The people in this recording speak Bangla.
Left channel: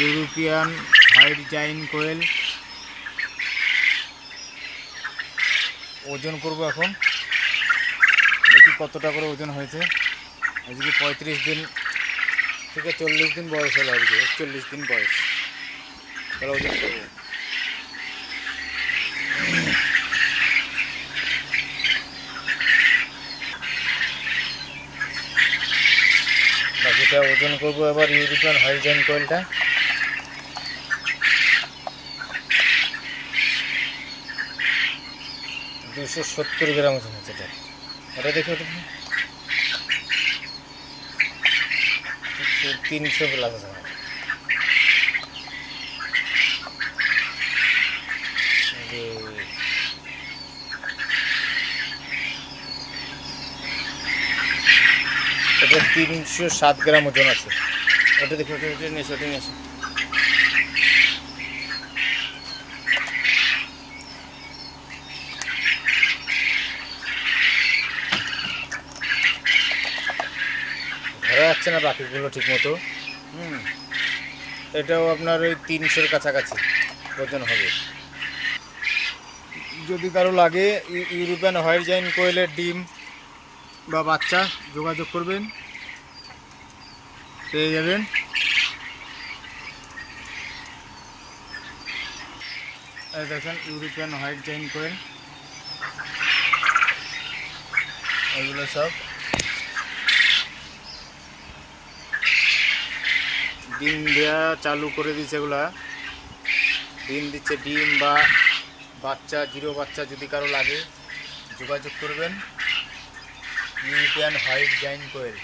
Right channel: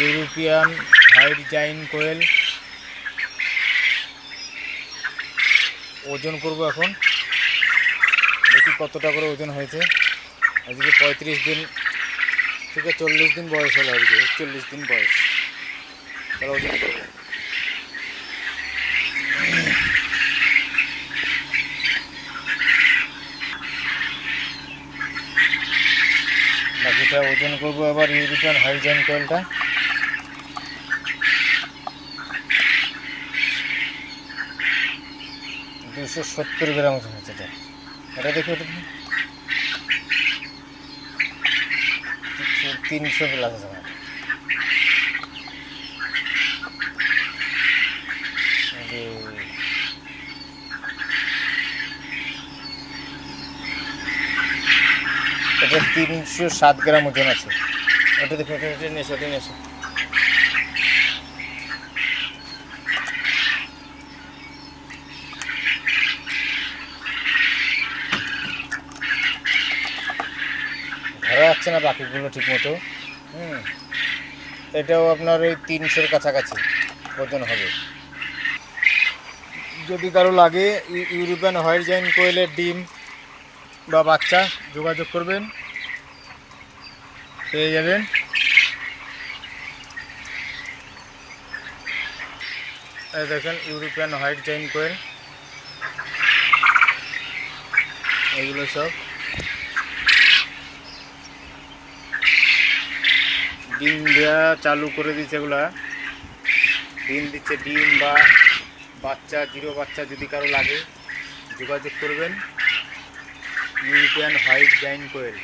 ইউরোপিয়ান হোয়াইট জাইন্ট কোয়েল ওজন করব এখন। দেখি কতটা করে ওজন হয়েছে। আজকে 35 দিন থেকে 40 দিন বয়স হলো, আজকে 41 দিন বয়স। তাহলে ওজন করবো। বাকিটা ওজন করবো এবার ইউরোপিয়ান হোয়াইট জাইন্ট কোয়েলটা। দুশো 70 গ্রাম ওজন হচ্ছে এটা। ওটা দেখি, ওটা 300 প্লাস আছে। এটা 307 গ্রাম ওজন আছে। ওটা দেখো, ওটা নিয়ে এসো, ওটা নিয়ে এসো। ধরা যাচ্ছে না বাকিগুলো ঠিক মতো। এটাও আপনার ওই 300-র কাছাকাছি ওজন হবে। যদি কারো লাগে ইউরোপিয়ান হোয়াইট জাইন্ট কোয়েলের ডিম বা বাচ্চা, যোগাযোগ করবেন, পেয়ে যাবেন। এই দেখেন ইউরোপিয়ান হোয়াইট জাইন্ট কোয়েল, এগুলো সব ডিম দেওয়া চালু করে দিচ্ছে। এগুলা ডিম দিচ্ছে। ডিম বা বাচ্চা, জিরো বাচ্চা যদি কারো লাগে যোগাযোগ করবেন। ইউরোপিয়ান হোয়াইট জাইন্ট কোয়েল।